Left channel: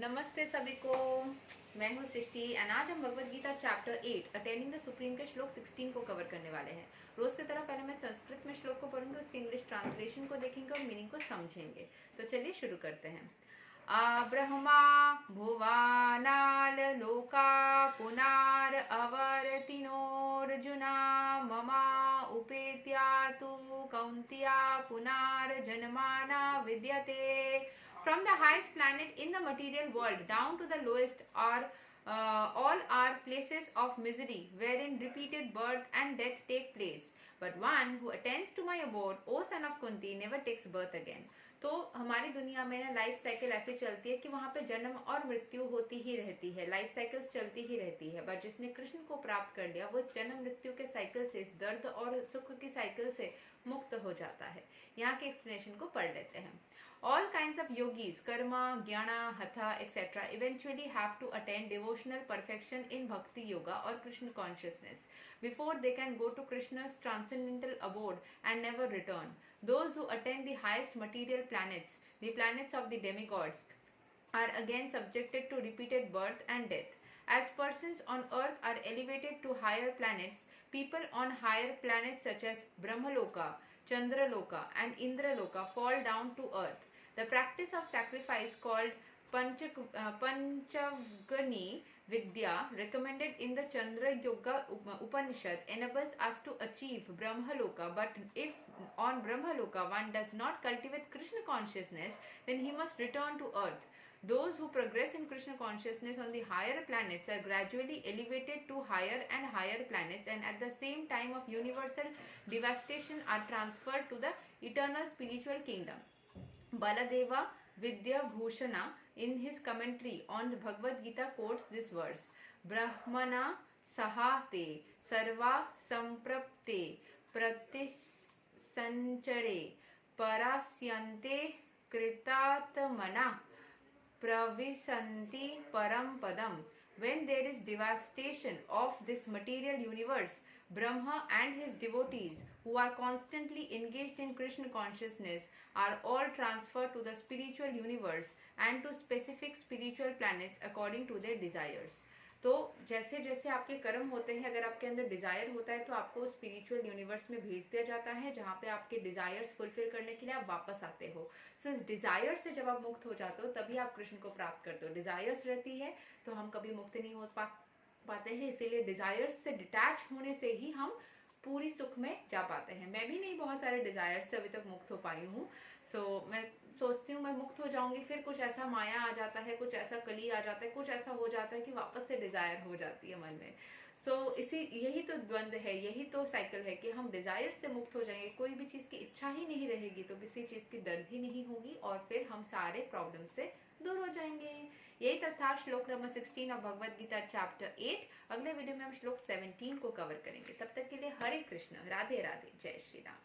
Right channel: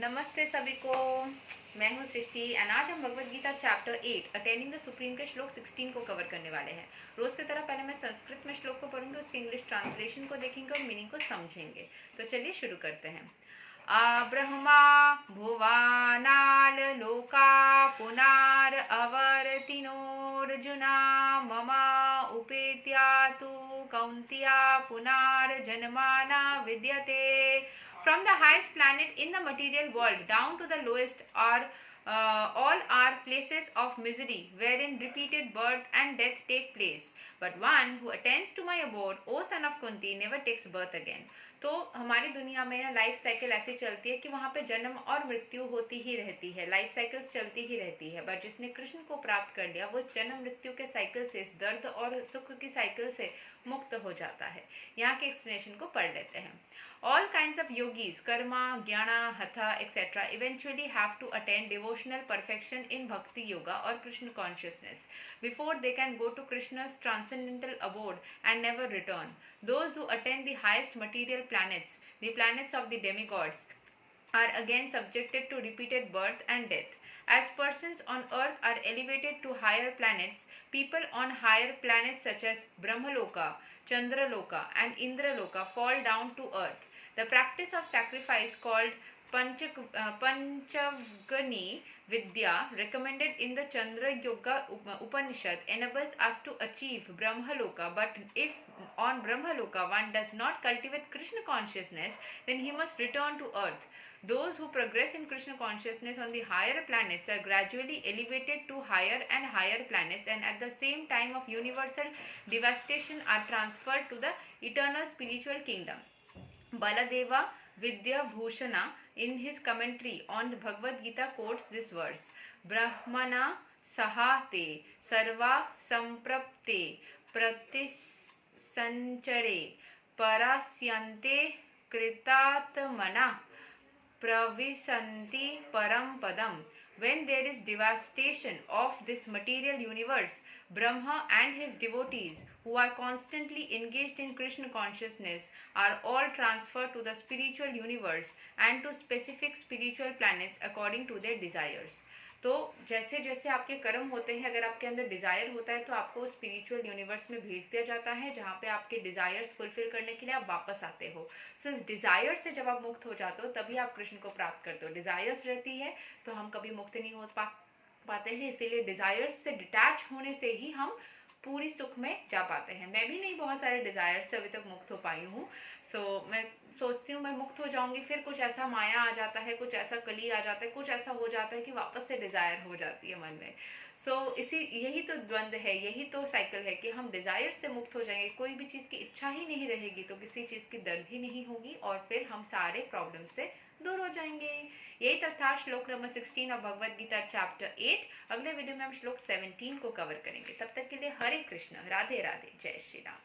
नमस्ते सभी को। मैं हूँ सृष्टि एंड आज हम Bhagavad Gita chapter 8 attaining the supreme के श्लोक 16 को कवर करने वाले हैं। रोज की तरह पहले मैं संस्कृत में श्लोक को पढ़ूंगी, उसके इंग्लिश ट्रांसलेशन को देखेंगे और मीनिंग को समझेंगे। तो चलिए शुरू करते हैं। ब्रह्मा भुवानाल लोका पुनार अवर्तिनोर्जुना ममा उपेत्या तु कौन्त्या पुनार जन्माना विद्यते। From the highest planet in the material world down to the lowest all are places of misery wherein repeated birth and death take place. But one who attends to my abode, O son of Kunti, never takes birth again. तो हमारी दुनिया में ना life cycle ऐसे चलती है कि वहाँ पे जन्म और मृत्यु होती ही रहती है, लाइफ साइकिल्स चलती ही रहती है। बट जिसने कृष्ण को प्राप्त कर लिया वो जन्म मृत्यु के साइकिल से, इस दर्द और सुख की साइकिल से मुक्त हो जाता है। यहाँ के एक्सप्लेनेशन को पढ़ लेते हैं। All kinds of yogis, karma, jnana, hatha, etc. eventually have to attain devotional perfection in bhakti yoga or Krishna consciousness before they can go to Krishna's transcendental abode and never return. Those who attain the highest material planets, the planets of the demigods, are again subjected to repeated birth and death. As persons on earth are elevated to higher planets, people on higher planets such as Brahmaloka, Chandraloka and Indraloka fall down to earth. The practice of sacrifice called Panchavgani Vidya recommended in the Chandra Yoga Upanishad enables us to achieve Brahmaloka, but if on Brahmaloka one does not cultivate Krishna consciousness, then he must return to earth. Those who progress in Krishna consciousness on the higher planets are gradually elevated to higher and higher planets, and at the same time of universal devastation are transferred to the eternal spiritual kingdom. Baladeva Vidya Bhushana in his commentary on the Bhagavad Gita quotes this verse: Brahmana sahate sarva samprapte pratisanchare parasyante kritatmana pravisanti param padam. When there is devastation of this material universe, Brahma and his devotees, who are constantly engaged in Krishna consciousness, are all transferred to the spiritual universe and to specific spiritual planets according to their desires. तो जैसे जैसे आपके कर्म होते हैं, अगर आपके अंदर डिज़ायर होता है तो आपको स्पिरिचुअल यूनिवर्स में भेज दिया जाता है, जहाँ पे आपके डिज़ायर्स फुलफिल करने के लिए आप वापस आते हो। सो इस डिज़ायर से जब आप मुक्त हो जाते हो तभी आप कृष्ण को प्राप्त करते हो। डिज़ायर्स रहती है तो हम कभी मुक्त नहीं हो पाते हैं, इसीलिए डिज़ायर्स से डिटैच होने से ही हम पूरी सुख में जा पाते हैं। मैं भी नहीं बहुत सारे डिज़ायर से अभी तक मुक्त हो पाई हूँ। मैं सोचती हूँ मैं मुक्त हो जाऊंगी, फिर कुछ ऐसा माया आ जाता है, कुछ ऐसा कली आ जाता है, कुछ ऐसा हो जाता है कि वापस से डिज़ायर हो जाती है मन में। यही तो द्वंद्व है, यही तो साइकिल है कि हम डिज़ायर से मुक्त हो जाएंगे, कोई भी चीज़ की इच्छा ही नहीं रहेगी तो किसी चीज़ की दर्द ही नहीं होगी और फिर हम सारे प्रॉब्लम से दूर हो जाएंगे। यही तक था श्लोक नंबर 16 और भगवद गीता चैप्टर 8। अगले वीडियो में हम श्लोक 17 को कवर करेंगे। तब तक के लिए हरे कृष्ण, राधे राधे, जय श्री राम।